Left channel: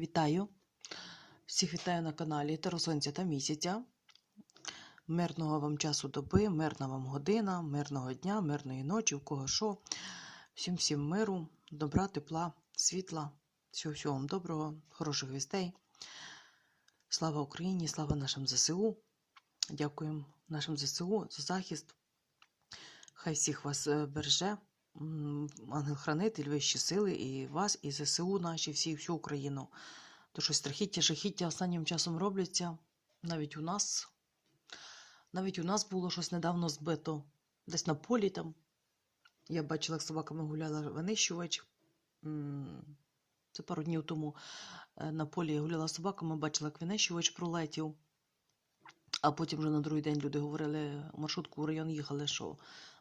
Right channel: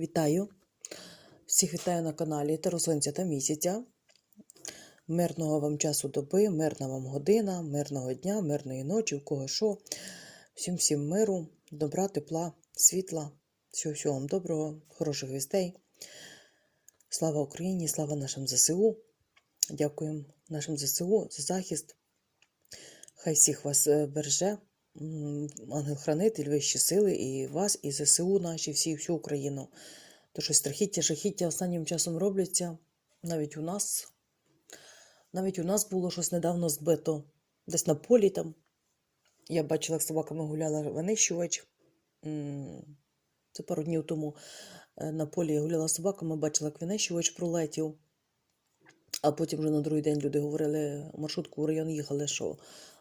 Вітаю! Всіх вітаю на каналі Таросонця та місяця. Мирного вам часу доби, мирна вам година, мирного дня, мирної ночі, у кого що. Всім всім миру, добра, тепла, світла, всього всього вам доброго, хороших вістей. Слава Україні, слава нашим ЗСУ. Дякуємо нашим ЗСУ за захист. Хай всіх вас е, береже. Ангел-хранитель, вищі сили, і вас, і ЗСУ наші, всі, всю Україну. То що страхіття, жахіття останнім часом робляться. Навіть у нас. Навіть у нас було щось недавно збито. Десь на полі там. Я бачила, як собаками гуляла винищувач. Це пару днів тому е, на полі я гуляла собаками, бачила, як винищувач пролетів. А потім вже на другий день люди говорили, маршрутку в район їхали, що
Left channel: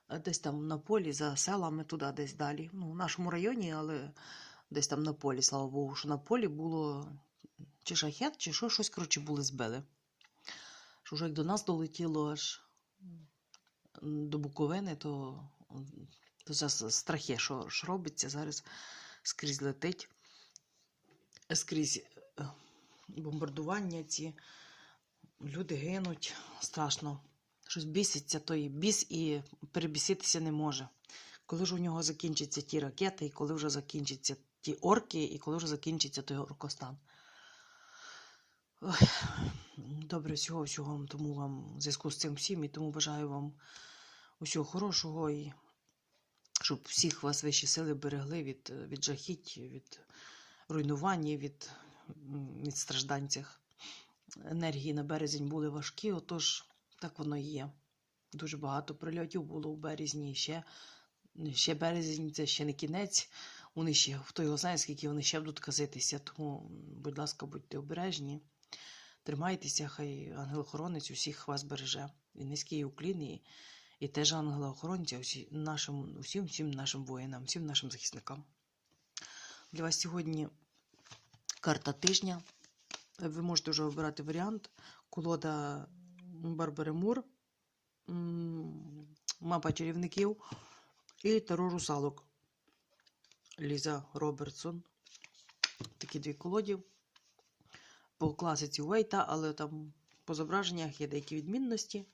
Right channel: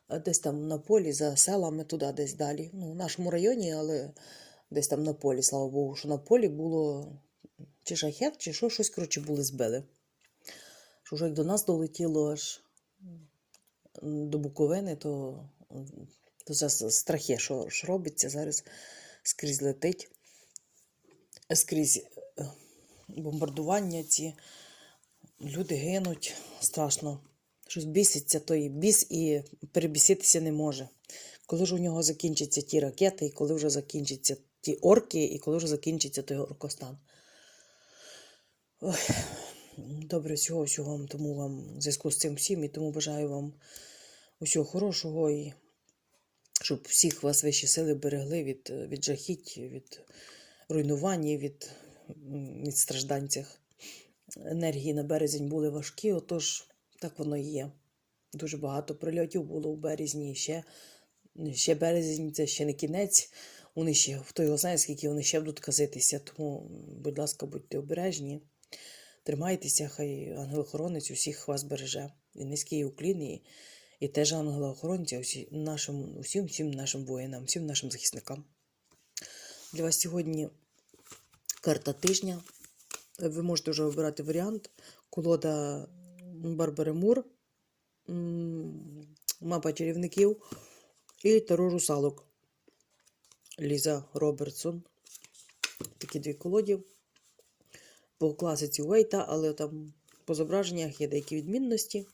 десь там на полі, за селами, туди десь далі. Ну, в нашому районі, але десь там на полі, слава Богу, що на полі було чи шахет, чи що, щось, коротше, були збили. Що вже як до нас долетіло аж до Буковини, то, то зараз страхи, що, що робиться, зараз скрізь летить, скрізь е, бомбардування ці. Люди гинуть страшно. Щось біситься, той біс і перебіситися не може. Коли ж у нього закінчаться ті ракети, і коли вже закінчаться ті орки, і коли вже закінчиться той оркостан. Ой, добре, всього, всього тому вам в зв'язку з цим всім, і тому бажаю вам усього хорошого, і щоб всіх вас вищі сили берегли від, від жахіть, від руйнування, від, від страждань енергії на березень були важкі, отож так воно є. Дуже багато прильотів було у березні. Ще, ще березень це ще не кінець. Вони ще, хто його знає, скільки вони ще будуть казитися. Тому, будь ласка, будьте обережні, тримайтеся, хай ангел-охоронець усіх вас береже. І низький уклін, і, і теж ангела-охоронця нашим, усім, всім нашим воїнам, всім нашим захисникам. Для вас сьогодні карта тижня. Ви можете вже обирати варіант. Колода Барбари Мур, мапа чарівників і Таро русалок. Ліза Робертсон. Такі дві колоді. По класиці Уейта, але там по зображеннях є деякі відмінності.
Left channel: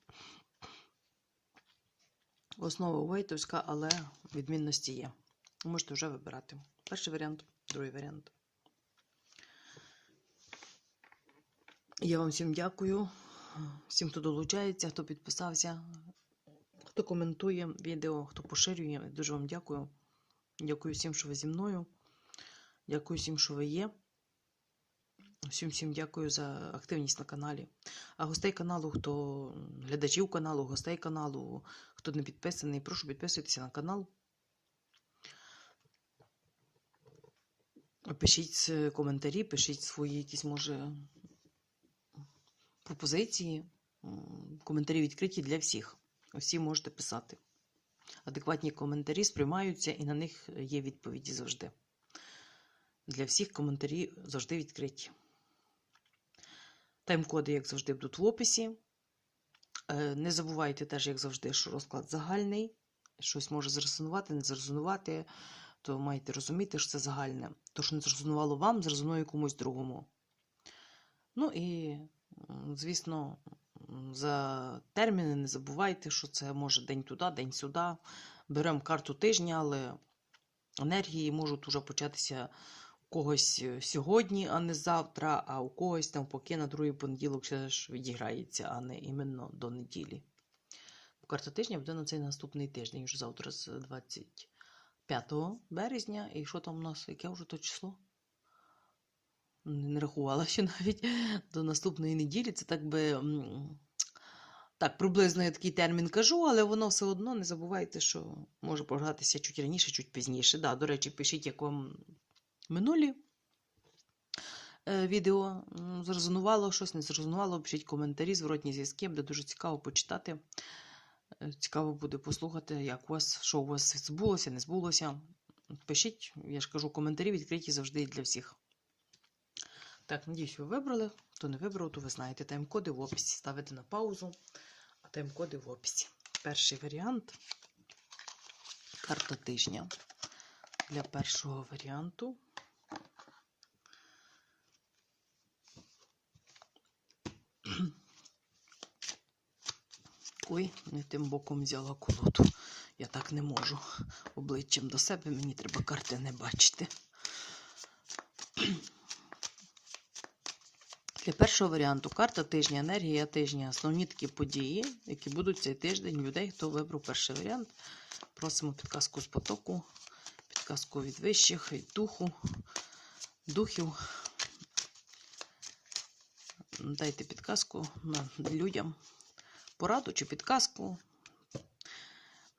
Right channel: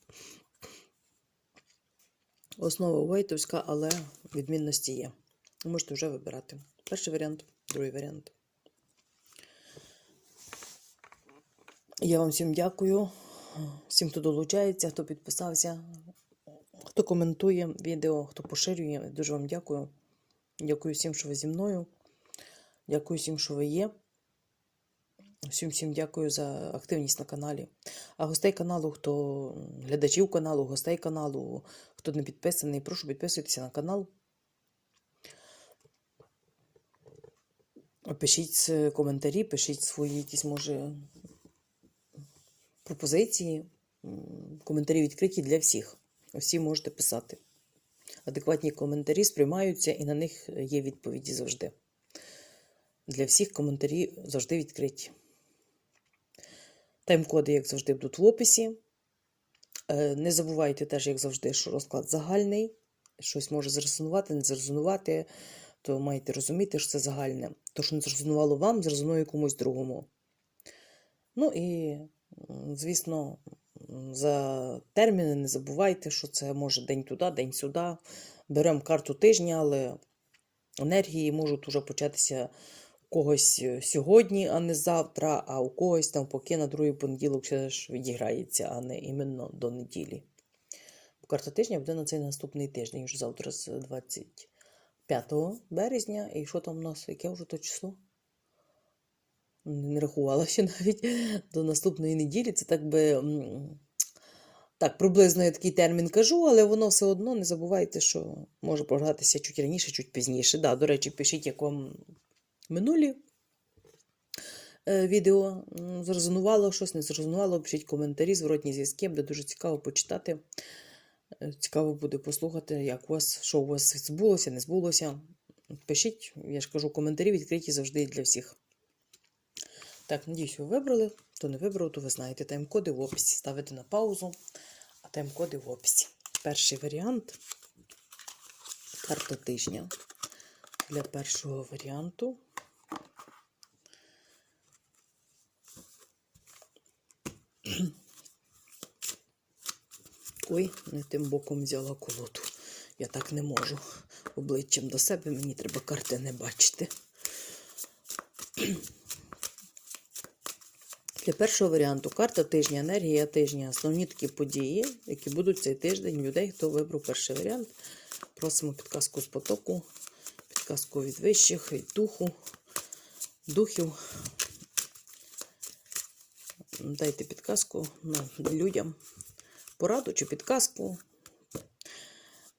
Основа Уейтовська, але відмінності є. Можете вже вибирати. Перший варіант, другий варіант. Я вам всім дякую, всім, хто долучається, хто підписався, хто коментує відео, хто поширює. Дуже вам дякую. Дякую всім, що ви зі мною. Дякую всім, що ви є. Всім всім дякую за активність на каналі. А гостей каналу, хто глядачів каналу, гостей каналу, хто не підписаний, прошу підписуйтеся на канал. Пишіть е, коментарі, пишіть свої якісь, може, пропозиції. Коментарі відкриті для всіх. Всі можете писати. Адекватні коментарі сприймаються і на них є відповіді завжди. Для всіх коментарі завжди відкриті. Тайм-коди, як завжди, будуть в описі. Е, Не забувайте теж, як завжди, що розклад загальний. Щось може зрезонувати, не зрезонувати, то маєте розуміти, що це загальне. То, що не зрезонувало вам, зрезонує комусь другому. Ну і, звісно, за терміни не забувайте, що це може день туди, день сюди. Беремо карту тижня, але енергії можуть уже початися у когось е, сьогодні, а не завтра, а у когось там поки на другий понеділок ще ж відіграється, а не іменно до неділі. Бо Карта тижня буде на цей наступний тиждень, вже завтра з 25 березня. І що там у нас? Яке вже то число? Не рахувала ще навіть до наступної неділі. Це так би. Так, приблизно я такий термін кажу, але воно все одно не забувайте, що може програтися чуть раніше, чуть пізніше. Да, до речі, пишіть, як вам минулі е, відео зрезонувало щось, не зрезонувало, пишіть коментарі, зворотні зв'язки, буде дуже цікаво почитати. Е, Цікаво буде послухати, як у вас, що у вас збулося, не збулося. Пишіть, я ж кажу, коментарі відкриті завжди для всіх. Так, надіюсь, ви вибрали. Хто не вибрав, то ви знаєте тайм-коди в описі. Ставите на паузу, а тайм-коди в описі. Перший варіант карта тижня. Для першого варіанту. Ой, не тим боком взяла колоду. Я так не можу. Обличчям до себе мені треба карти не бачити. Для першого варіанту карта тижня, енергія тижня, основні такі події, які будуть цей тиждень людей, хто вибрав перший варіант. Просимо підказку з потоку, підказку від вищих, від духу, духів. Дайте підказку на людям, пораду чи підказку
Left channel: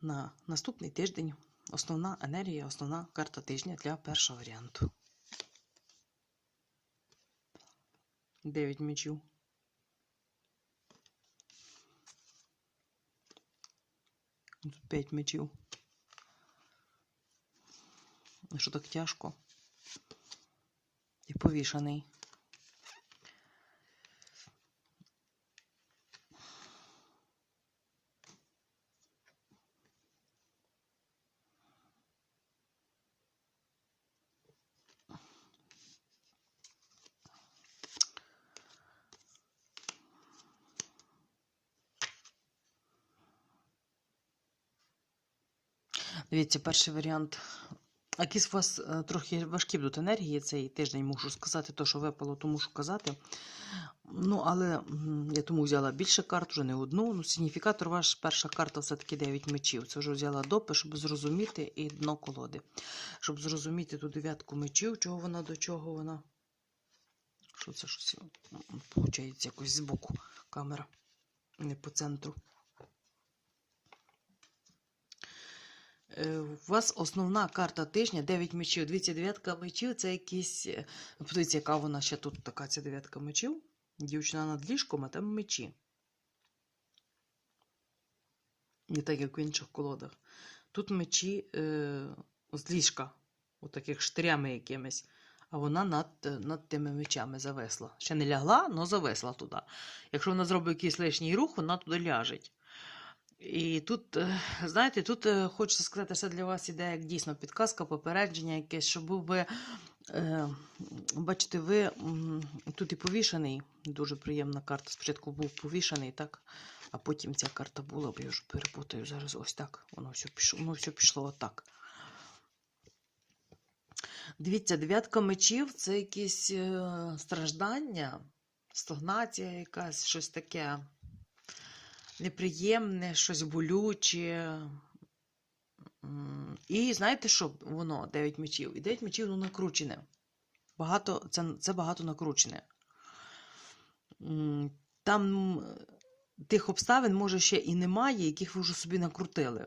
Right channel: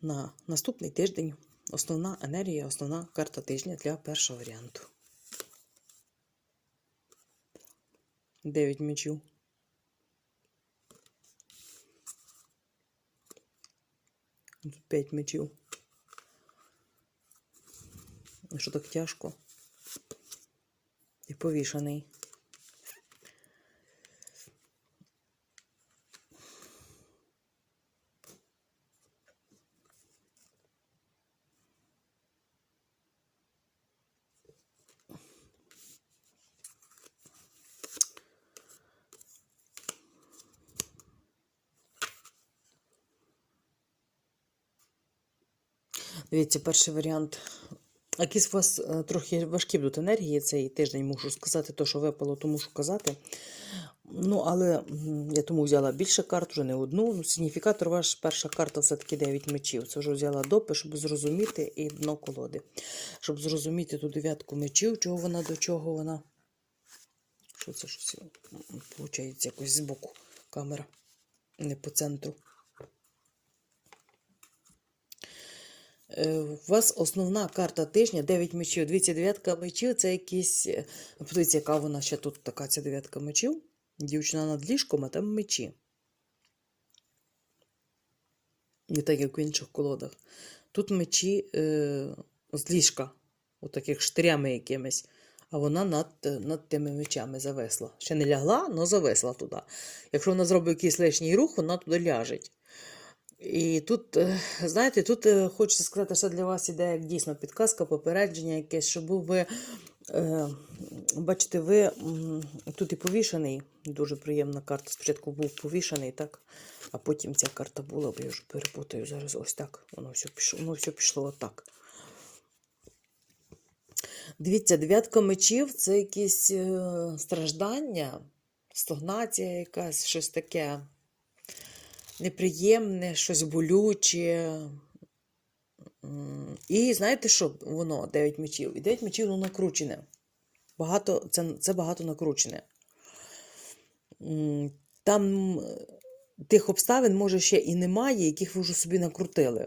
на наступний тиждень. Основна енергія, основна карта тижня для першого варіанту. 9 мечів. Тут 5 мечів. І Що так тяжко? І повішаний. Дивіться, перший варіант. Якісь у вас е, трохи важкі будуть енергії цей тиждень, мушу сказати, то, що випало, то мушу казати. Ну, але я тому взяла більше карт, вже не одну. Ну, сигніфікатор ваш перша карта все-таки 9 мечів. Це вже взяла допи, щоб зрозуміти, і дно колоди. Щоб зрозуміти ту дев'ятку мечів, чого вона до чого вона. Що це щось? Получається якось збоку камера, не по центру. У вас основна карта тижня 9 мечів. Дивіться, дев'ятка мечів це якісь. е, Подивіться, яка вона ще тут така ця дев'ятка мечів. Дівчина над ліжком, а там мечі. Не так, як в інших колодах. Тут мечі е, з ліжка, отаких штирями якимись. А вона над, е, над тими мечами зависла. Ще не лягла, але зависла туди. Якщо вона зробить якийсь лишній рух, вона туди ляжеть. І тут, е, знаєте, тут е, хочеться сказати, що для вас іде як дійсно підказка, попередження якесь, щоб ви, е, бачите, ви тут і повішений, дуже приємна карта. Спочатку був повішений, так, а потім ця карта була, я вже перепутаю зараз ось так. Воно все пішло, воно все пішло отак. Дивіться, дев'ятка мечів це якісь страждання, стагнація якась, щось таке неприємне, щось болюче. І знаєте що воно, 9 мечів? І 9 мечів воно накручене. Багато, це, це багато накручене. Там е, тих обставин, може, ще і немає, яких ви вже собі накрутили.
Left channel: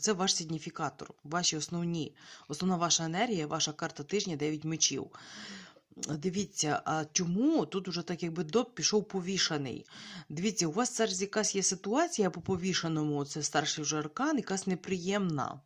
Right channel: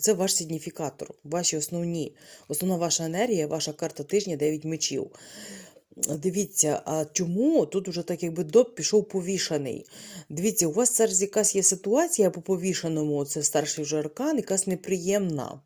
Це ваш сигніфікатор, ваші основні, основна ваша енергія, ваша карта тижня 9 мечів. Дивіться, а чому тут уже так якби доп пішов повішаний? Дивіться, у вас зараз якась є ситуація по повішаному, це старший вже аркан, якась неприємна,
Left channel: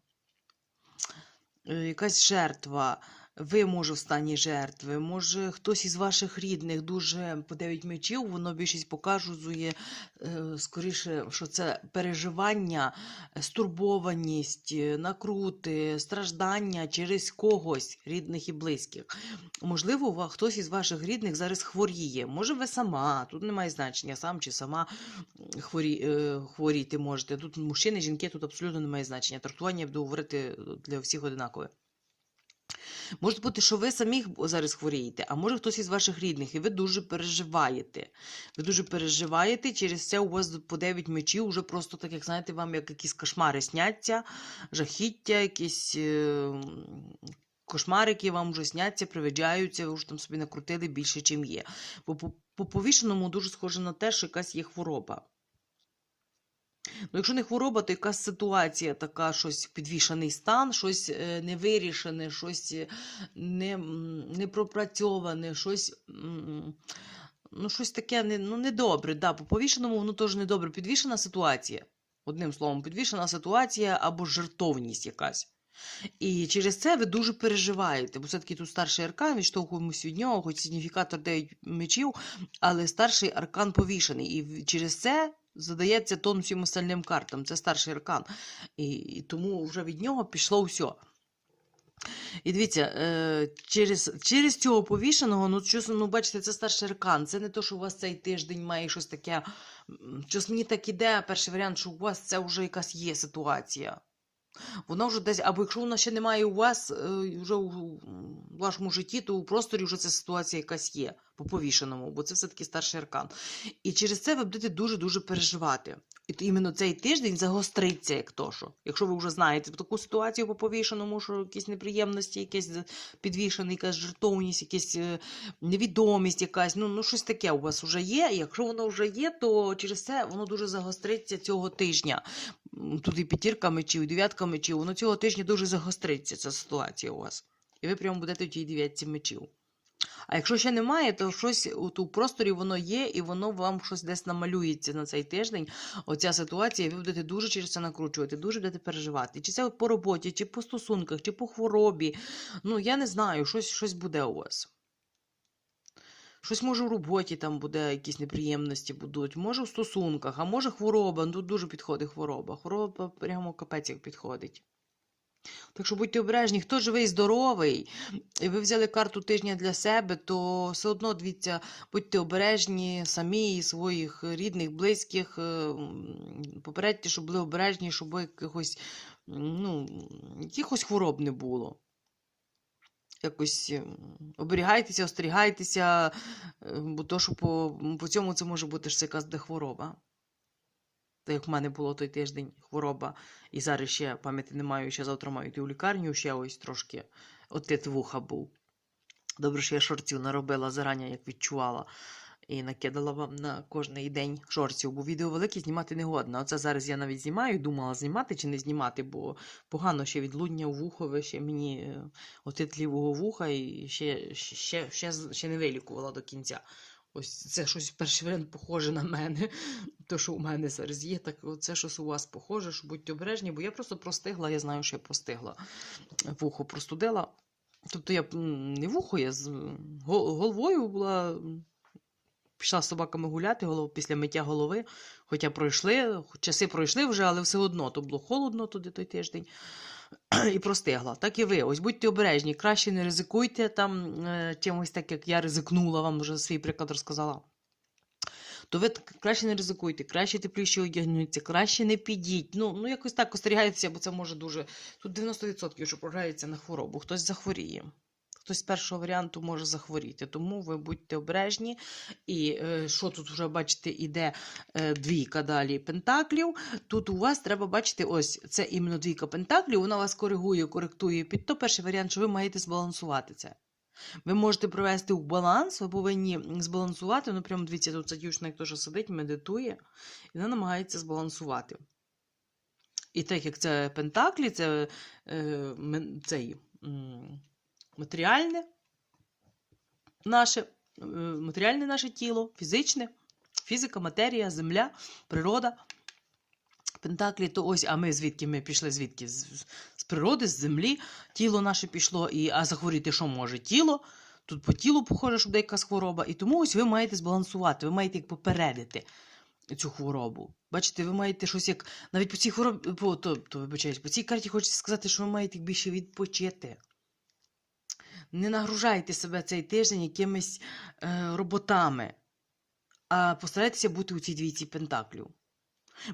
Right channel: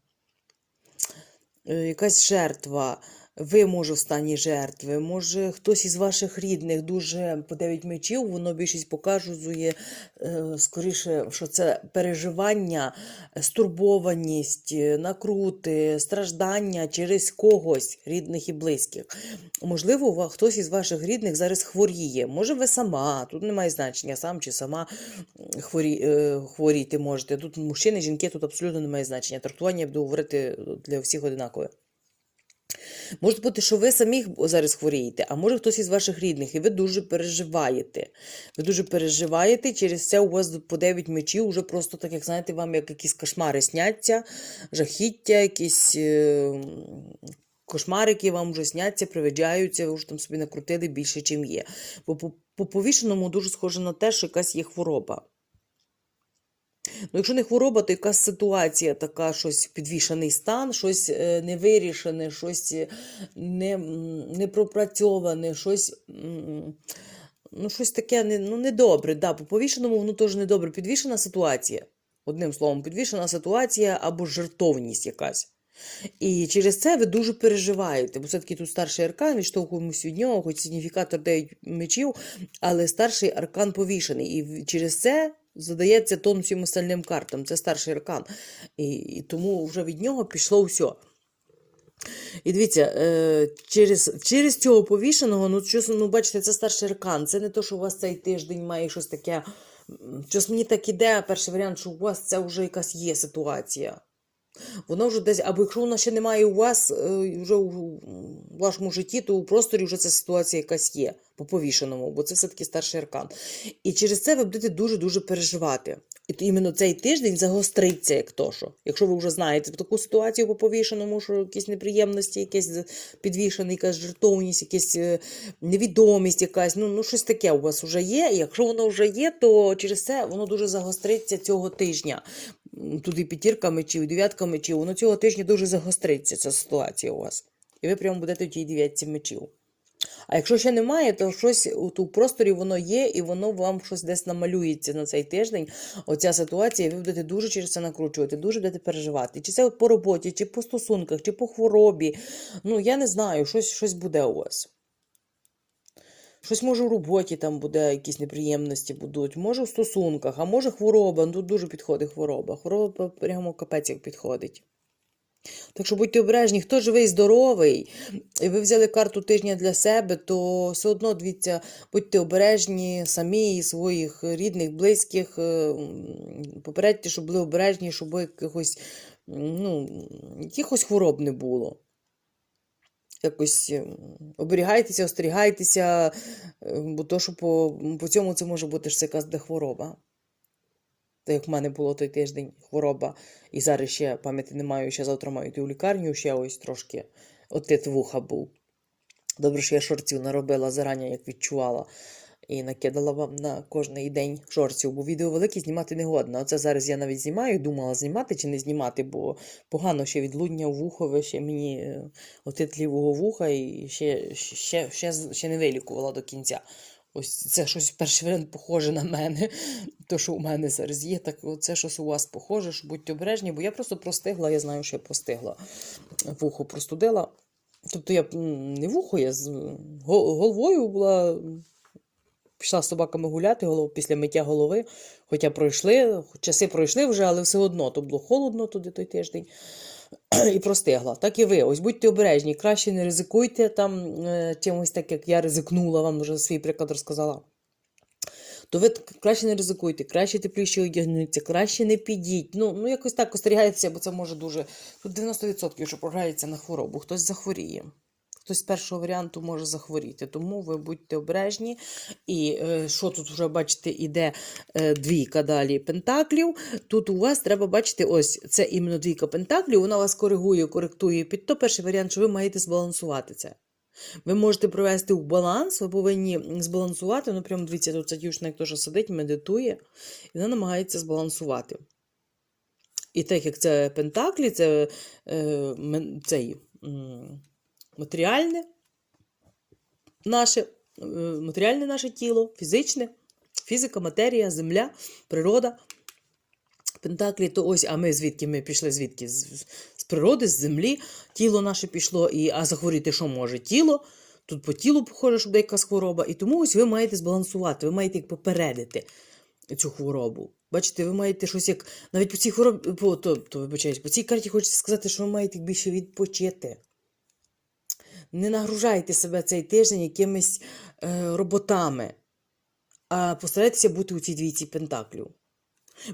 е, якась жертва. Ви, може, в стані жертви, може, хтось із ваших рідних дуже по 9 мечів, воно більшість показує, е, скоріше, що це переживання, стурбованість, е, накрути, страждання через когось, рідних і близьких. Можливо, хтось із ваших рідних зараз хворіє. Може, ви сама, тут немає значення, сам чи сама хворі, е, хворіти можете. Тут мужчини, жінки, тут абсолютно немає значення. Трактування я буду говорити для всіх одинакове. Може бути, що ви самі зараз хворієте, а може хтось із ваших рідних, і ви дуже переживаєте. Ви дуже переживаєте, через це у вас по 9 мечів вже просто так, як знаєте, вам як якісь кошмари сняться, жахіття, якісь е, м, кошмарики вам вже сняться, привиджаються, ви вже там собі накрутили більше, чим є. Бо по повішеному дуже схоже на те, що якась є хвороба. Ну, якщо не хвороба, то якась ситуація така, щось підвішений стан, щось е, невирішене, щось е, не, м, не пропрацьоване, щось, ну, щось таке не, ну, недобре. Да, по повішеному воно теж недобре. Підвішена ситуація. Одним словом, підвішена ситуація або жертовність якась. І через це ви дуже переживаєте, бо все-таки тут старший аркан, відштовхуємось від нього, хоч сигніфікатор 9 мечів, але старший аркан повішений. І через це задається тон всім остальним картам. Це старший аркан. І, і тому вже від нього пішло все. І дивіться, е, через, через цього повішеного, ну, щось, ну, бачите, це старший аркан. Це не то, що у вас цей тиждень має щось таке. Щось мені так іде, перший варіант, що у вас це вже якась є ситуація. Вона вже десь, або якщо вона ще немає у вас, е, вже у вашому житті, то у просторі вже ця ситуація якась є по повішеному, бо це все-таки старший аркан. І через це ви будете дуже-дуже переживати. І іменно цей тиждень загостриться, як то що. Якщо ви вже знаєте таку ситуацію по повішеному, що якісь неприємності, якесь підвішений, якась жертовність, якась е, невідомість, якась, ну, ну щось таке у вас вже є. І якщо воно вже є, то через це воно дуже загостриться цього тижня. Тут і п'ятірка мечів, дев'ятка мечів, воно цього тижня дуже загостриться, ця ситуація у вас. І ви прямо будете в тій дев'ятці мечів. А якщо ще немає, то щось у просторі воно є, і воно вам щось десь намалюється на цей тиждень. Оця ситуація, і ви будете дуже через це накручувати, дуже будете переживати. Чи це по роботі, чи по стосунках, чи по хворобі. Ну, я не знаю, щось, щось буде у вас. Щось може в роботі там буде, якісь неприємності будуть, може в стосунках, а може хвороба. Ну, Тут дуже підходить хвороба. Хвороба прямо капець як підходить. Так що будьте обережні, хто живий, здоровий, і ви взяли карту тижня для себе, то все одно дивіться, будьте обережні самі своїх рідних, близьких. е, Попередьте, щоб були обережні, щоб якихось, ну, якихось хвороб не було. Якось ем, оберігайтеся, остерігайтеся, е, бо то, що по, по цьому це може бути ж якась де хвороба. Та як в мене було той тиждень хвороба, і зараз ще пам'яті не маю, ще завтра маю йти у лікарню, ще ось трошки отит вуха був. Добре, що я шортів наробила зарані, як відчувала, і накидала вам на кожний день шортів, бо відео велике знімати не годно. Оце зараз я навіть знімаю, думала знімати чи не знімати, бо погано ще відлудня в вухове, ще мені е, отит лівого вуха і ще, ще, ще, ще не вилікувала до кінця. Ось це щось перший похоже на мене. То, що у мене зараз є, так це щось у вас похоже, що будьте обережні, бо я просто простигла, я знаю, що я простигла. Вухо простудила. Тобто я не вухо, я з головою була. Пішла з собаками гуляти після миття голови. Хоча пройшли, часи пройшли вже, але все одно то було холодно туди той тиждень. І простигла. Так і ви. Ось будьте обережні, краще не ризикуйте там е, чимось так, як я ризикнула, вам вже свій приклад розказала. То ви краще не ризикуйте, краще тепліше одягнуться, краще не підіть. Ну, ну якось так остерігайтеся, бо це може дуже. Тут 90% що програється на хворобу, хтось захворіє. Хтось з першого варіанту може захворіти, тому ви будьте обережні. І е, що тут вже бачите, іде е, двійка далі пентаклів. Тут у вас треба бачити, ось це іменно двійка пентаклів, вона вас коригує, коректує під то перший варіант, що ви маєте збалансувати це. Ви можете привести в баланс, ви повинні збалансувати. Ну, прямо дивіться, тут ця як сидить, медитує, і вона намагається збалансувати. І так як це пентаклі, це е, цей, матеріальне наше, е, матеріальне наше тіло, фізичне, фізика, матерія, земля, природа. Пентаклі, то ось, а ми звідки ми пішли? Звідки? З, з природи, з землі. Тіло наше пішло, і, а захворіти що може? Тіло. Тут по тілу похоже, що буде хвороба. І тому ось ви маєте збалансувати, ви маєте як попередити цю хворобу. Бачите, ви маєте щось як. Навіть по цій хворобі, по, то, то, вибачаюсь, по цій карті хочеться сказати, що ви маєте більше відпочити. Не нагружайте себе цей тиждень якимись е, роботами, а постарайтеся бути у цій двійці пентаклів.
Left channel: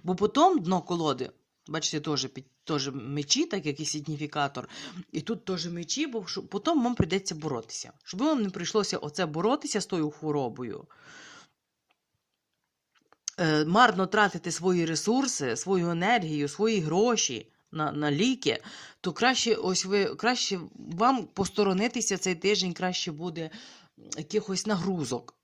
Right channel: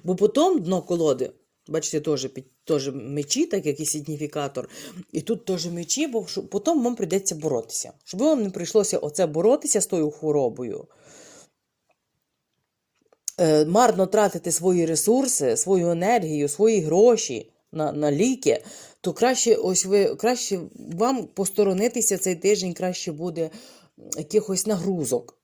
Бо потім дно колоди, бачите, теж, теж мечі, так як і сигніфікатор, і тут теж мечі, бо потім вам прийдеться боротися. Щоб вам не прийшлося оце боротися з тою хворобою. Е, марно тратити свої ресурси, свою енергію, свої гроші на, на ліки, то краще, ось ви, краще вам посторонитися цей тиждень, краще буде якихось нагрузок.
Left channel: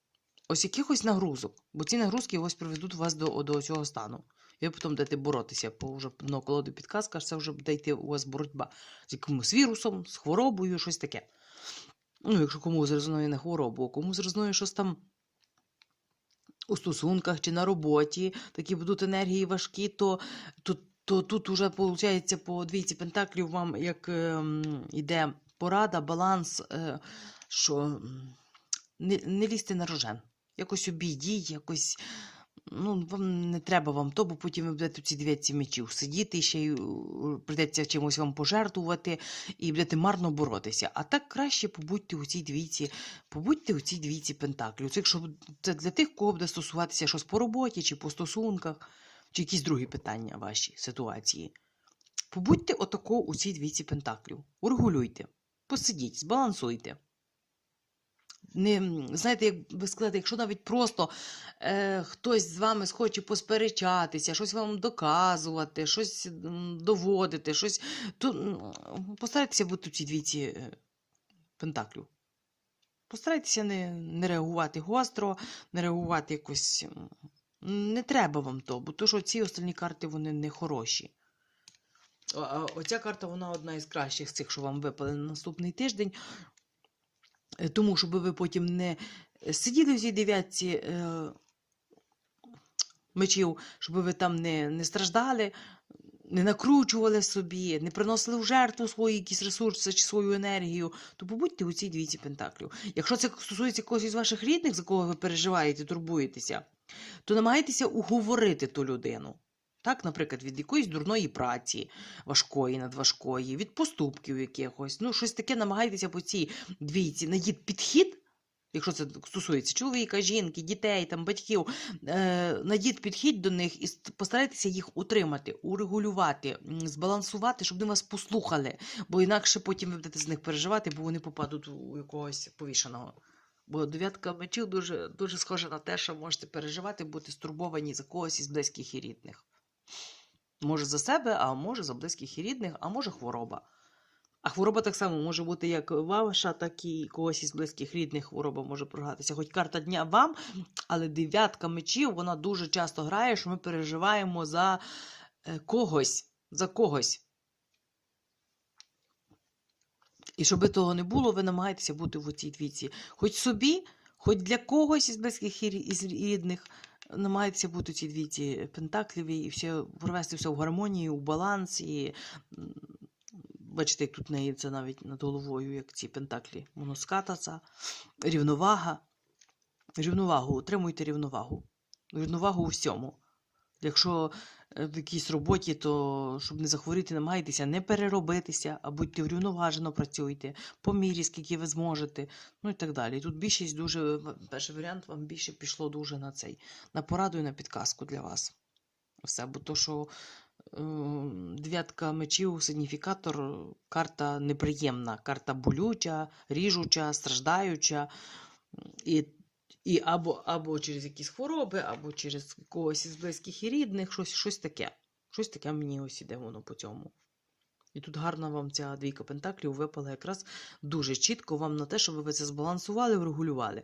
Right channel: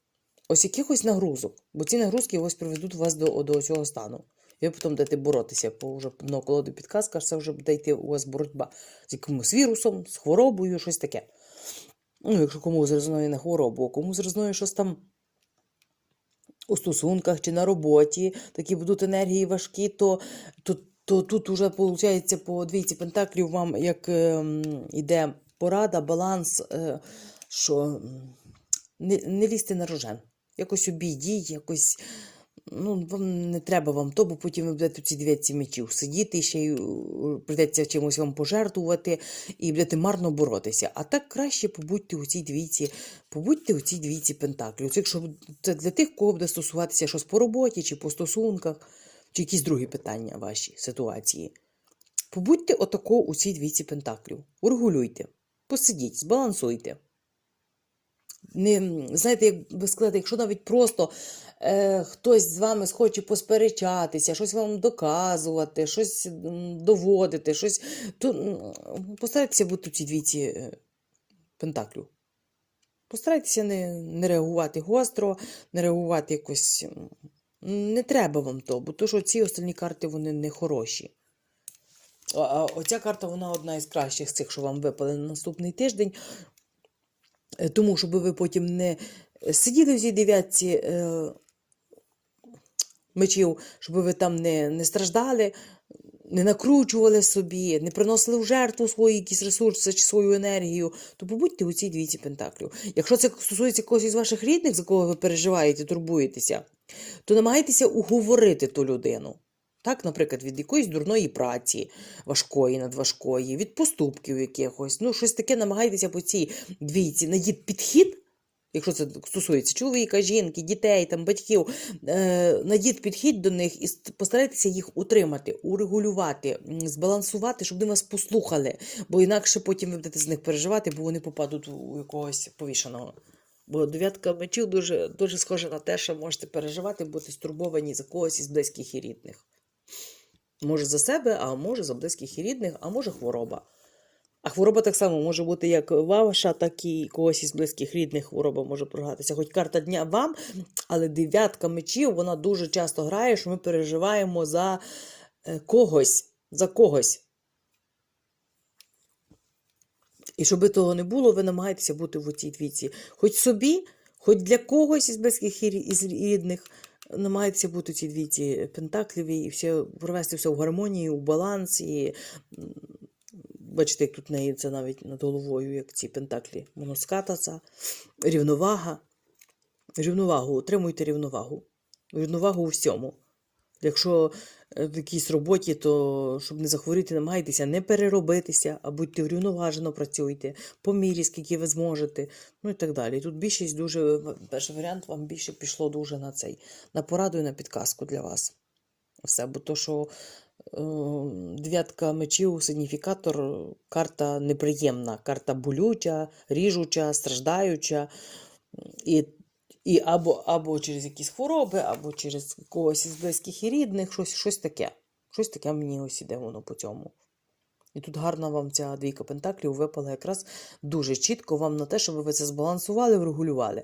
Ось якихось нагрузок, бо ці нагрузки ось приведуть вас до, до цього стану. Ви потім будете боротися, бо вже на колоди підказка, це вже буде йти у вас боротьба з якимось вірусом, з хворобою, щось таке. Ну, якщо комусь резонує на хворобу, а комусь резонує щось там у стосунках чи на роботі, такі будуть енергії важкі, то, то, то тут уже виходить по двійці пентаклів вам як ем, іде порада, баланс, е, що не, не лізьте на рожен. Якось обійдіть, якось Ну, вам не треба вам то, бо потім ви будете ці двійці мечів сидіти, ще й прийдеться чимось вам пожертвувати і будете марно боротися. А так краще побудьте у цій двійці, побудьте у цій двійці пентаклів. Це для тих, кого буде стосуватися щось по роботі, чи по стосунках, чи якісь другі питання ваші ситуації. Побудьте отако у цій двійці пентаклів. Урегулюйте, посидіть, збалансуйте. Не, знаєте, як ви сказати, якщо навіть просто е, хтось з вами схоче посперечатися, щось вам доказувати, щось доводити, щось, то постарайтеся бути у цій двійці е, пентаклів. Постарайтеся не, не реагувати гостро, не реагувати якось. Не треба вам то, бо то, що ці остальні карти вони не хороші. А оця карта вона одна із кращих з цих, що вам випали на наступний тиждень. Е, Тому, щоб ви потім не сиділи в цій дев'ятці е, мечів, щоб ви там не, не страждали, не накручували собі, не приносили в жертву свої якісь ресурси чи свою енергію, то побудьте у цій двійці пентаклів. Якщо це стосується когось із ваших рідних, за кого ви переживаєте, турбуєтеся, то намагайтеся уговорити ту людину. Так, наприклад, від якоїсь дурної праці, важкої, надважкої, від поступків якихось. Ну, щось таке намагайтеся по цій двійці знайдіть підхід, якщо це стосується чоловіка, жінки, дітей, там, батьків, е, знайдіть підхід до них і постарайтеся їх утримати, урегулювати, збалансувати, щоб вони вас послухали. Бо інакше потім ви будете з них переживати, бо вони попадуть у якогось повішеного. Бо дев'ятка мечів дуже, дуже схожа на те, що можете переживати, бути стурбовані за когось із близьких і рідних. Може за себе, а може за близьких і рідних, а може хвороба. А хвороба так само може бути як ваша, так і когось із близьких рідних хвороба може програтися. Хоч карта дня вам, але дев'ятка мечів вона дуже часто грає, що ми переживаємо за е, когось, за когось. І щоб того не було, ви намагаєтеся бути в цій двійці. Хоч собі, хоч для когось із близьких і рідних, намагаєтеся бути в цій двійці пентакліві і все, провести все в гармонії, у баланс. І, бачите, як тут неї навіть над головою, як ці пентаклі моноскататься, рівновага. Рівновагу, утримуйте рівновагу. Рівновагу у всьому. Якщо е, в якійсь роботі, то щоб не захворіти, намагайтеся не переробитися, а будьте врівноважено працюйте, по мірі, скільки ви зможете, ну і так далі. Тут більшість дуже, перший варіант вам більше пішло дуже на цей, на пораду і на підказку для вас. Все, бо то, що дев'ятка мечів, сигніфікатор, карта неприємна, карта болюча, ріжуча, страждаюча. І і або, або через якісь хвороби, або через когось із близьких і рідних, щось, щось таке. Щось таке мені ось іде воно по цьому. І тут гарна вам ця двійка пентаклів випала якраз дуже чітко вам на те, щоб ви це збалансували, врегулювали.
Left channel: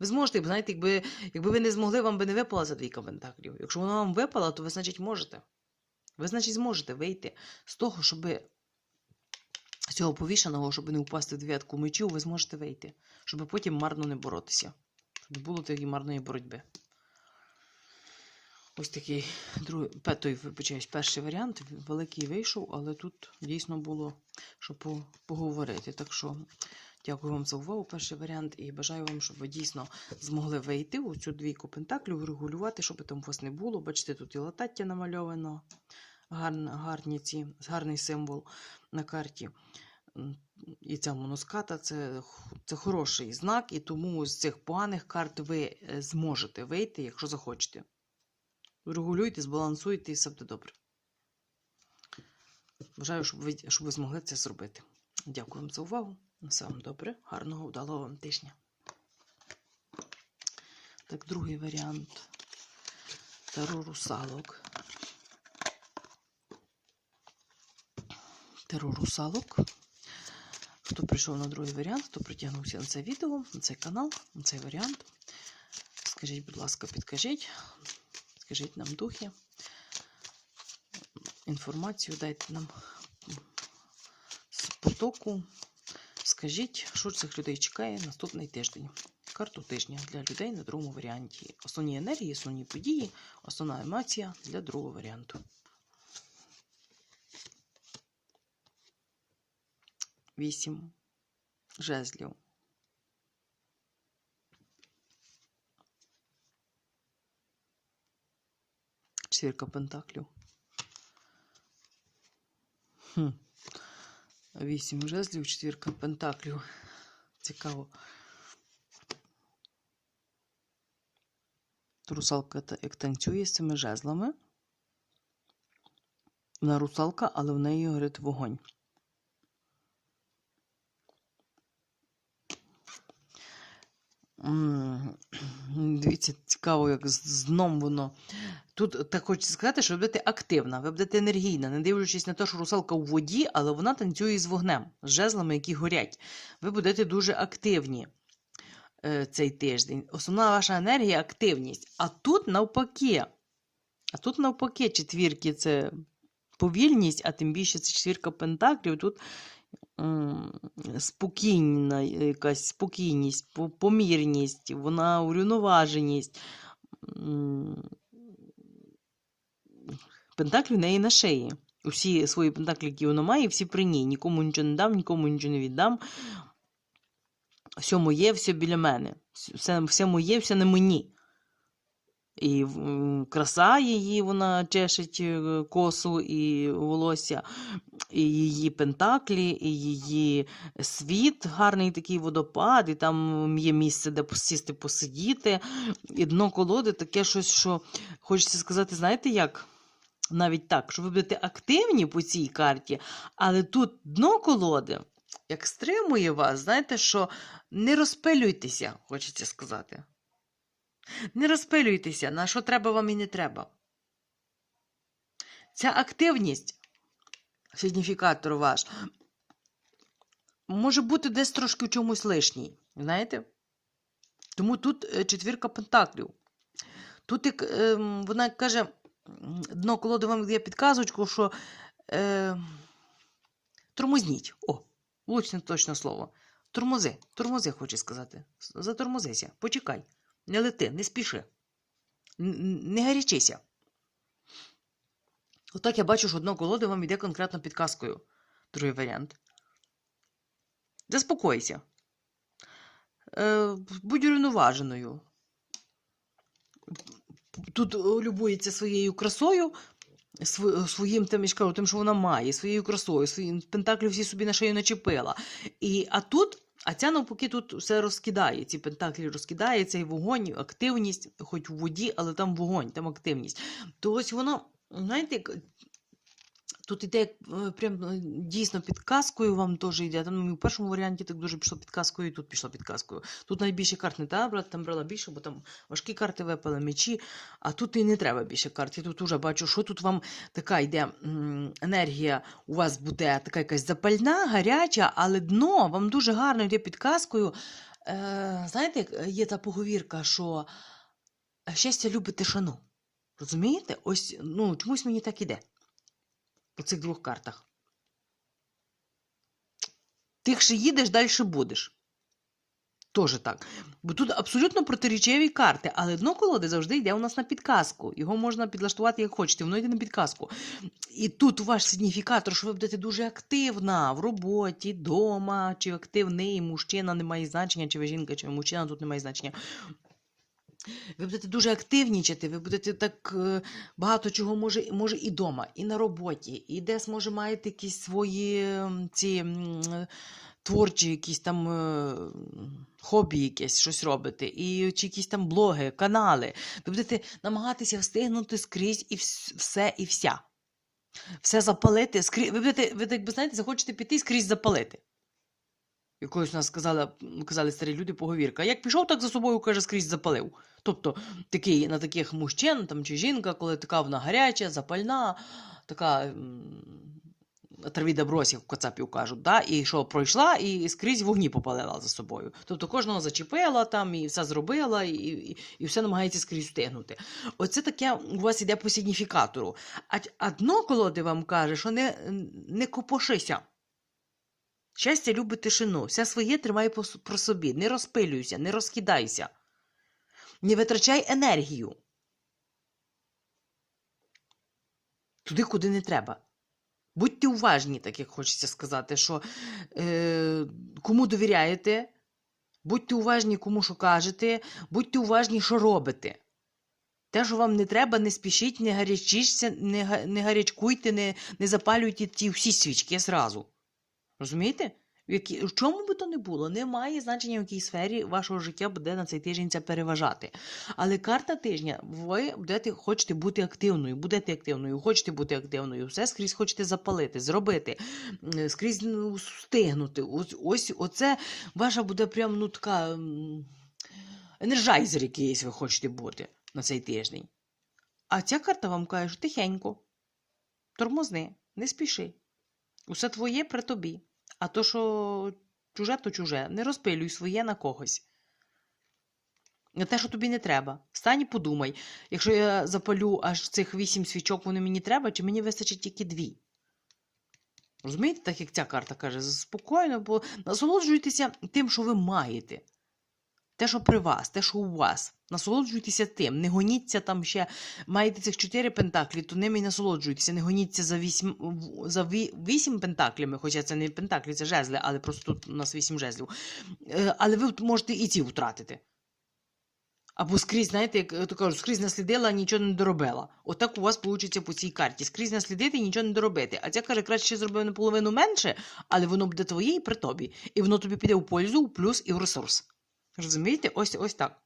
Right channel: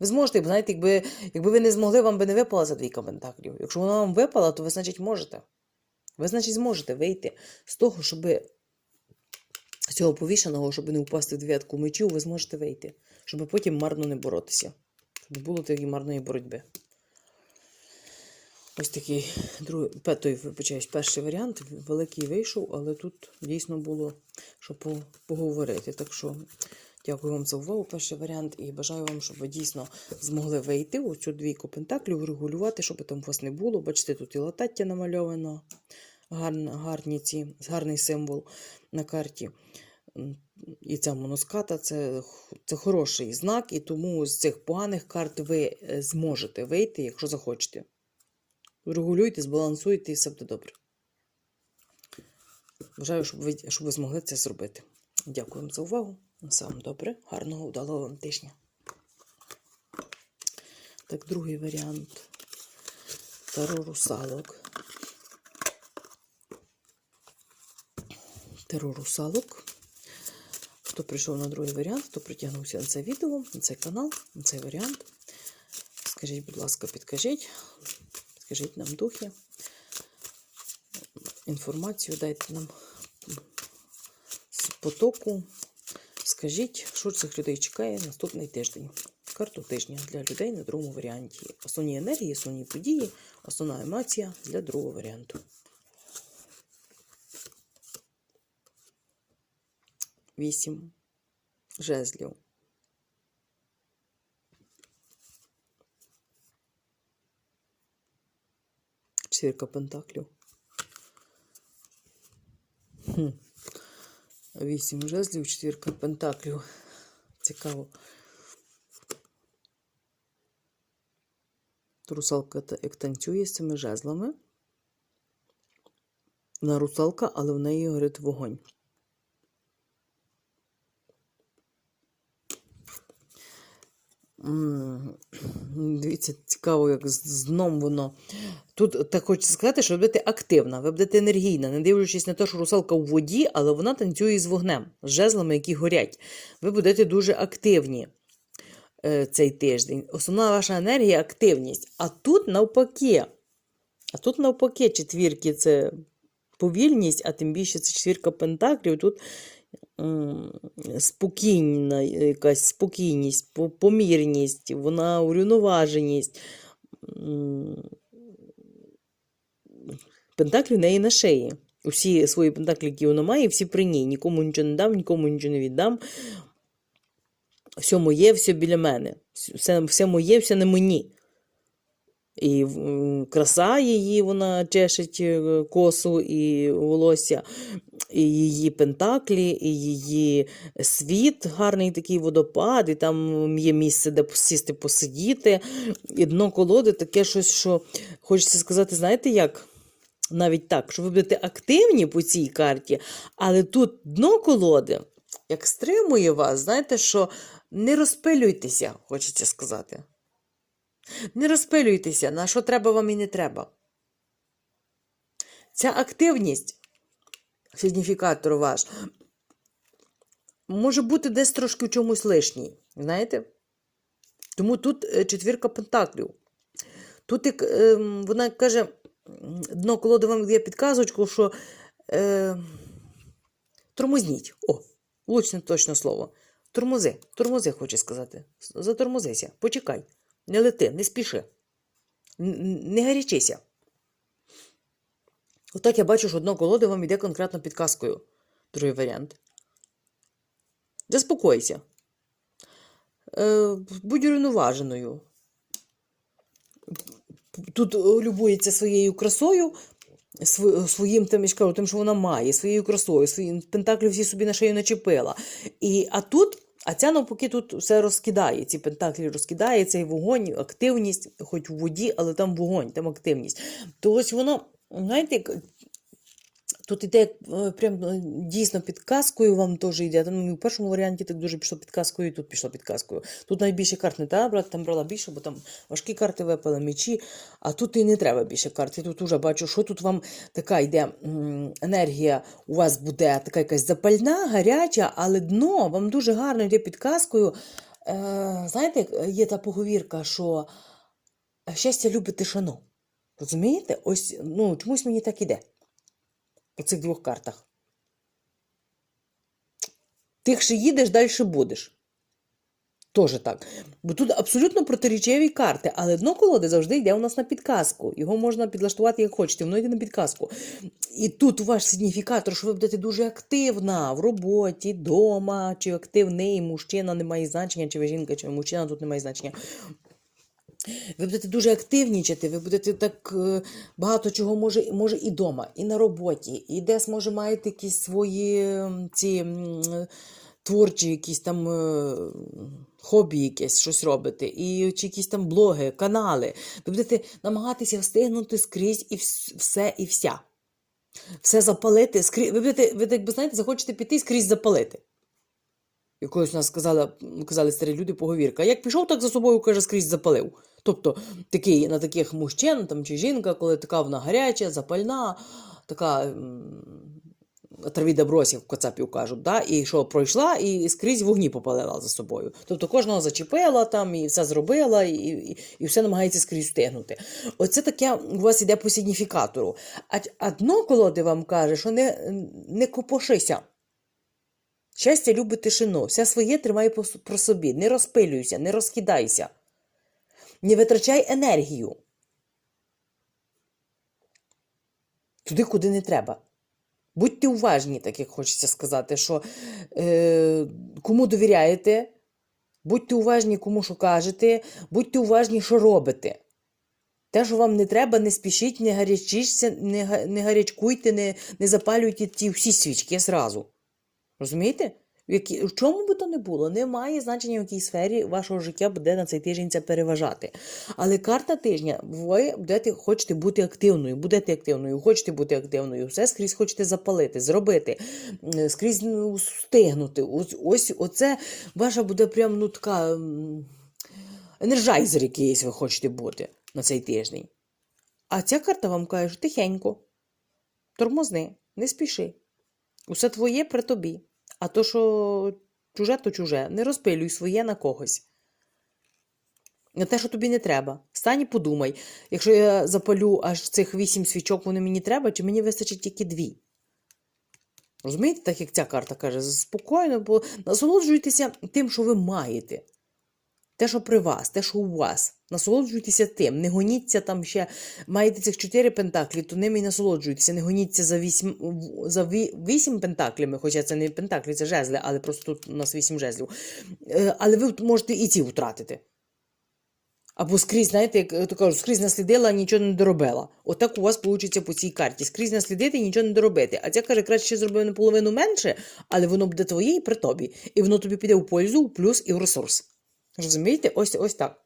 Ви зможете, знаєте, якби, якби ви не змогли, вам би не випала за двійка пентаклів. Якщо вона вам випала, то ви, значить, можете. Ви, значить, зможете вийти з того, щоб з цього повішеного, щоб не впасти в дев'ятку мечів, ви зможете вийти, щоб потім марно не боротися. Щоб не було тієї марної боротьби. Ось такий другий, пе- вибачаюсь, перший варіант. Великий вийшов, але тут дійсно було що поговорити. Так що дякую вам за увагу, перший варіант, і бажаю вам, щоб ви дійсно змогли вийти у цю двійку пентаклів, регулювати, щоб там у вас не було. Бачите, тут і латаття намальовано, гарні ці, гарний символ на карті. І ця моноската це, це хороший знак, і тому з цих поганих карт ви е, зможете вийти, якщо захочете. Регулюйте, збалансуйте і все буде добре. Бажаю, щоб ви, щоб ви змогли це зробити. Дякую вам за увагу. Вам добре, гарного, вдалого вам тижня. Так, другий варіант. Таро русалок. Таро русалок. Хто прийшов на другий варіант, хто притягнувся на це відео, на цей канал, на цей варіант. Скажіть, будь ласка, підкажіть, підкажіть нам духи. Інформацію дайте нам з потоку. Скажіть, що цих людей чекає наступний тиждень. Карту тижня для людей на другому варіанті. Основні енергії, основні події, основна емоція для другого варіанту. Вісім жезлів. Четвірка пентаклів. Хм. Вісім жезлів, четвірка пентаклів. Цікаво. Русалка як танцює з цими жезлами. Вона русалка, але в неї горить вогонь. Дивіться, цікаво, як з воно. Тут так хочеться сказати, що ви будете активна, ви будете енергійна, не дивлячись на те, що русалка у воді, але вона танцює з вогнем, з жезлами, які горять. Ви будете дуже активні е, цей тиждень. Основна ваша енергія активність. А тут навпаки. А тут навпаки, четвірки це повільність, а тим більше це четвірка пентаклів. Тут спокійна, якась спокійність, помірність, вона урівноваженість. Пентаклі в неї на шиї. Усі свої пентаклі, які вона має, всі при ній. Нікому нічого не дам, нікому нічого не віддам. Все моє, все біля мене. Все, все моє, все на мені. І краса її, вона чешить е, косу і волосся, і її пентаклі, і її світ, гарний такий водопад, і там є місце, де посісти, посидіти. І дно колоди таке щось, що хочеться сказати, знаєте як? Навіть так, що ви будете активні по цій карті, але тут дно колоди як стримує вас, знаєте, що не розпилюйтеся, хочеться сказати. Не розпилюйтеся, на що треба вам і не треба. Ця активність, сигніфікатор ваш, може бути десь трошки в чомусь лишній. Знаєте? Тому тут е, четвірка пентаклів. Тут як, е, вона каже, дно колоди вам дає підказочку, що е, тормозніть. О, влучне точно слово. Тормози, тормози, хочу сказати. Затормозися, почекай. Не лети, не спіши. Не гарячися. Отак я бачу, що дно колоди вам йде конкретно підказкою. Другий варіант. Заспокойся. Е, будь урівноваженою. Тут е, любується своєю красою, своїм тим, тим, що вона має, своєю красою, своїм пентаклі всі собі на шию начепила. І, а тут, а ця навпаки тут все розкидає. Ці пентаклі розкидає, цей вогонь, активність, хоч у воді, але там вогонь, там активність. То ось воно, знаєте, Тут іде е, прям е, дійсно підказкою вам теж йде. Там в першому варіанті так дуже пішло підказкою, і тут пішло підказкою. Тут найбільше карт не треба брати, там брала більше, бо там важкі карти випали, мечі, а тут і не треба більше карт. Я тут уже бачу, що тут вам така йде енергія, у вас буде така якась запальна, гаряча, але дно вам дуже гарно йде підказкою. Е, знаєте, є та поговірка, що щастя любить тишину. Розумієте? Ось ну, чомусь мені так іде по цих двох картах. Тихше їдеш, далі будеш. Тоже так. Бо тут абсолютно протирічеві карти, але дно колоди завжди йде у нас на підказку. Його можна підлаштувати як хочете, воно йде на підказку. І тут ваш сигніфікатор, що ви будете дуже активна в роботі, вдома, чи активний мужчина не має значення, чи ви жінка, чи мужчина, тут не має значення. Ви будете дуже активнічати, ви будете так е, багато чого може, може і вдома, і на роботі, і десь може маєте якісь свої ці е, творчі, якісь там е, хобі, якесь щось робите, і чи якісь там блоги, канали. Ви будете намагатися встигнути скрізь і все і вся. Все запалити, скрізь. Ви будете, ви так би знаєте, захочете піти і скрізь запалити. Якось нас сказали, казали старі люди поговірка. Як пішов, так за собою, каже, скрізь запалив. Тобто такий, на таких мужчин там, чи жінка, коли така вона гаряча, запальна, така м, травіда бросів, в Кацапів кажуть, да? і що пройшла, і скрізь вогні попалила за собою. Тобто кожного зачепила там, і все зробила, і, і, і все намагається скрізь встигнути. Оце таке у вас іде по сигніфікатору. А, а дно колоди вам каже, що не, не копошися. Щастя любить тишину, все своє тримай про собі, не розпилюйся, не розкидайся, не витрачай енергію. Туди, куди не треба. Будьте уважні, так як хочеться сказати, що е, кому довіряєте, будьте уважні, кому що кажете, будьте уважні, що робите. Те, що вам не треба, не спішіть, не гарячіться, не, не гарячкуйте, не, не запалюйте ті всі свічки зразу. Розумієте? В, які, в чому би то не було, немає значення, в якій сфері вашого життя буде на цей тиждень це переважати. Але карта тижня, ви будете, хочете бути активною, будете активною, хочете бути активною, все скрізь хочете запалити, зробити, скрізь ну, встигнути. Ось, ось оце ваша буде прям ну м, якийсь ви хочете бути на цей тиждень. А ця карта вам каже, тихенько, тормозни, не спіши. Усе твоє при тобі. А то, що чуже, то чуже. Не розпилюй своє на когось. На те, що тобі не треба. Стань і подумай, якщо я запалю аж цих вісім свічок, вони мені треба, чи мені вистачить тільки дві. Розумієте, так як ця карта каже, спокійно, бо насолоджуйтеся тим, що ви маєте. Те, що при вас, те, що у вас. Насолоджуйтеся тим. Не гоніться там ще. Маєте цих чотири пентаклі, то ними і насолоджуйтеся. Не гоніться за вісім, за вісім пентаклями, хоча це не пентаклі, це жезли, але просто тут у нас вісім жезлів. Е, Але ви можете і ці втратити. Або скрізь, знаєте, як то кажуть, скрізь наслідила, а нічого не доробила. Отак у вас вийде по цій карті. Скрізь наслідити і нічого не доробити. А ця каже, краще зробив наполовину менше, але воно буде твоє і при тобі. І воно тобі піде у пользу, у плюс і в ресурс. Розумієте? Ось ось так.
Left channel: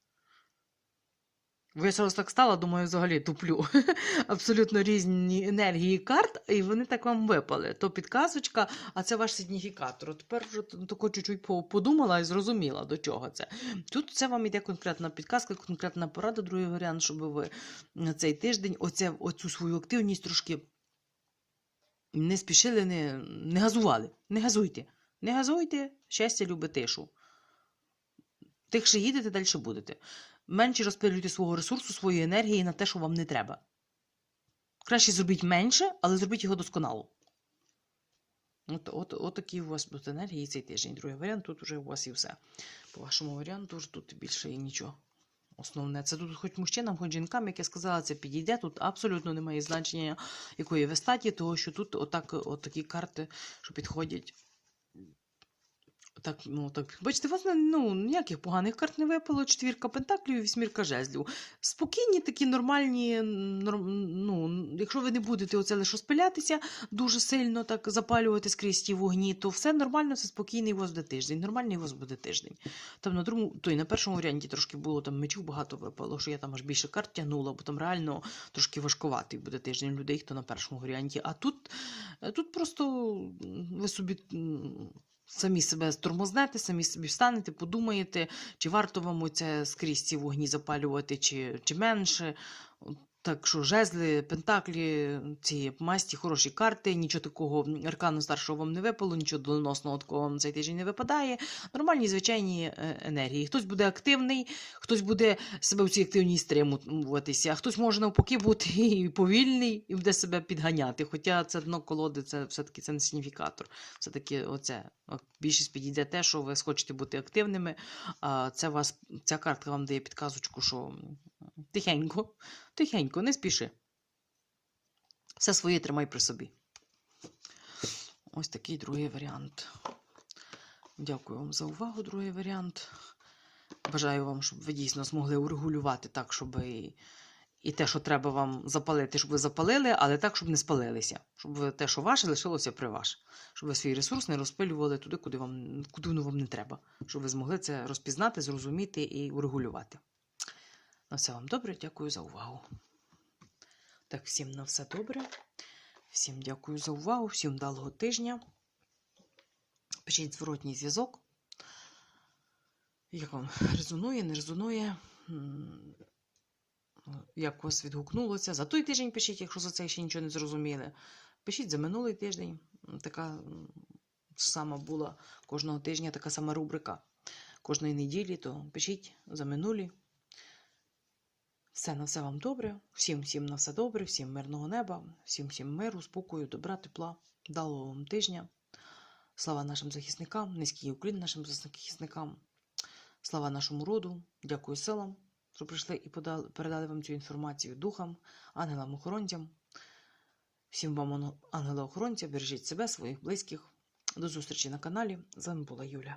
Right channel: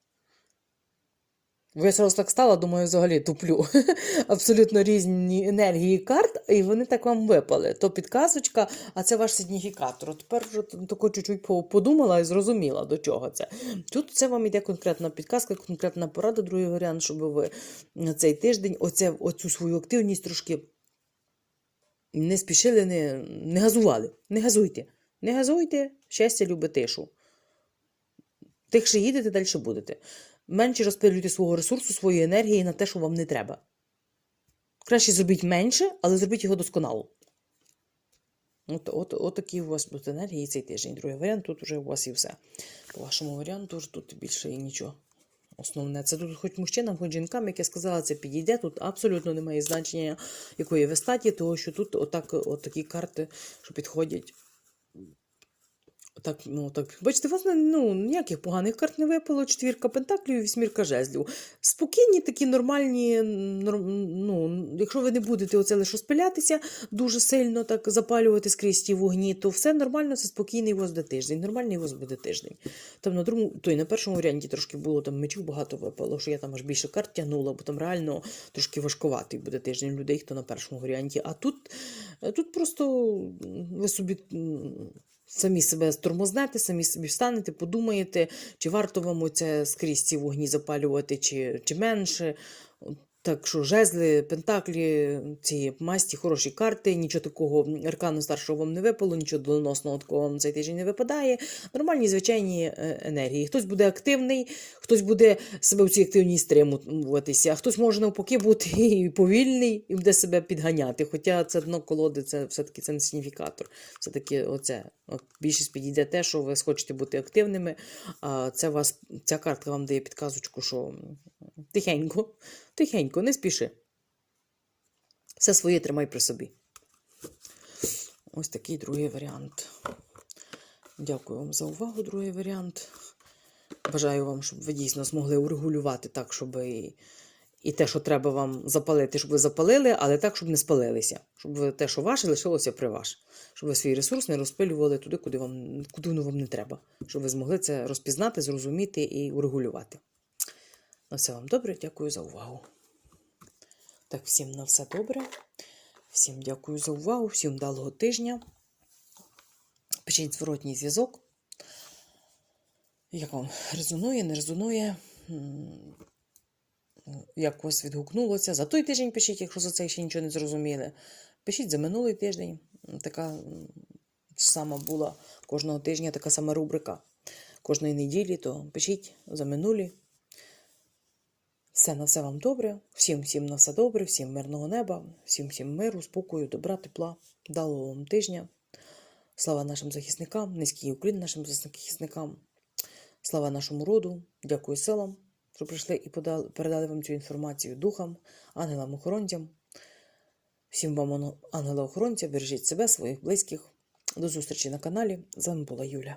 Ви зараз так стала, думаю, взагалі туплю. Абсолютно різні енергії карт, і вони так вам випали. То підказочка, а це ваш сигніфікатор. Тепер вже тако чуть-чуть подумала і зрозуміла, до чого це. Тут це вам іде конкретна підказка, конкретна порада, другий варіант, щоб ви на цей тиждень оце, оцю свою активність трошки не спішили, не, не газували. Не газуйте. Не газуйте, щастя любить тишу. Тихше їдете, далі будете. Менше розпилюйте свого ресурсу, своєї енергії на те, що вам не треба. Краще зробіть менше, але зробіть його досконало. От, от, от такі у вас будуть енергії цей тиждень. Другий варіант, тут вже у вас і все. По вашому варіанту тут більше і нічого. Основне, це тут хоч мужчинам, хоч жінкам, як я сказала, це підійде. Тут абсолютно немає значення, якої ви статі, тому що тут отак, от такі карти, що підходять. Так, ну так. Бачите, вас ну, ніяких поганих карт не випало. Четвірка пентаклів і вісьмірка жезлів. Спокійні, такі нормальні. норм- Ну, якщо ви не будете оце лише спилятися, дуже сильно так запалювати скрізь ті вогні, то все нормально, це спокійний у вас буде тиждень. Нормальний у вас буде тиждень. Там на другому, то й на першому варіанті трошки було там мечів багато випало, що я там аж більше карт тягнула, бо там реально трошки важкуватий буде тиждень людей, хто на першому варіанті. А тут, тут просто ви собі. Самі себе стормознете, самі собі встанете, подумаєте, чи варто вам це скрізь ці вогні запалювати, чи, чи менше. Так що жезли, пентаклі, ці масті, хороші карти, нічого такого аркану старшого вам не випало, нічого доленосного такого вам цей тиждень не випадає. Нормальні звичайні е, енергії. Хтось буде активний, хтось буде себе в цій активній стримуватися, а хтось може навпаки бути і повільний і буде себе підганяти. Хоча це дно колоди, це все-таки це не сигніфікатор. Все-таки оце. Більшість підійде те, що ви схочете бути активними. А це вас, ця картка вам дає підказочку, що тихенько, тихенько, не спіши. Все своє тримай при собі. Ось такий другий варіант. Дякую вам за увагу, другий варіант. Бажаю вам, щоб ви дійсно змогли урегулювати так, щоб і, і те, що треба вам запалити, щоб ви запалили, але так, щоб не спалилися. Щоб те, що ваше, лишилося при ваш. Щоб ви свій ресурс не розпилювали туди, куди, вам, куди вам не треба. Щоб ви змогли це розпізнати, зрозуміти і урегулювати. На все вам добре, дякую за увагу. Так, всім на все добре. Всім дякую за увагу, всім вдалого тижня. Пишіть зворотній зв'язок. Як вам резонує, не резонує? Як у відгукнулося? За той тиждень пишіть, якщо за цей ще нічого не зрозуміли. Пишіть за минулий тиждень. Така сама була кожного тижня така сама рубрика. Кожної неділі, то пишіть за минулі. Все на все вам добре. Всім всім на все добре, всім мирного неба, всім всім миру, спокою, добра, тепла, вдалого вам тижня. Слава нашим захисникам, низький уклін нашим захисникам. Слава нашому роду. Дякую силам, що прийшли і подали, передали вам цю інформацію духам, ангелам-охоронцям. Всім вам, ангела-охоронця, бережіть себе, своїх близьких. До зустрічі на каналі. З вами була Юля.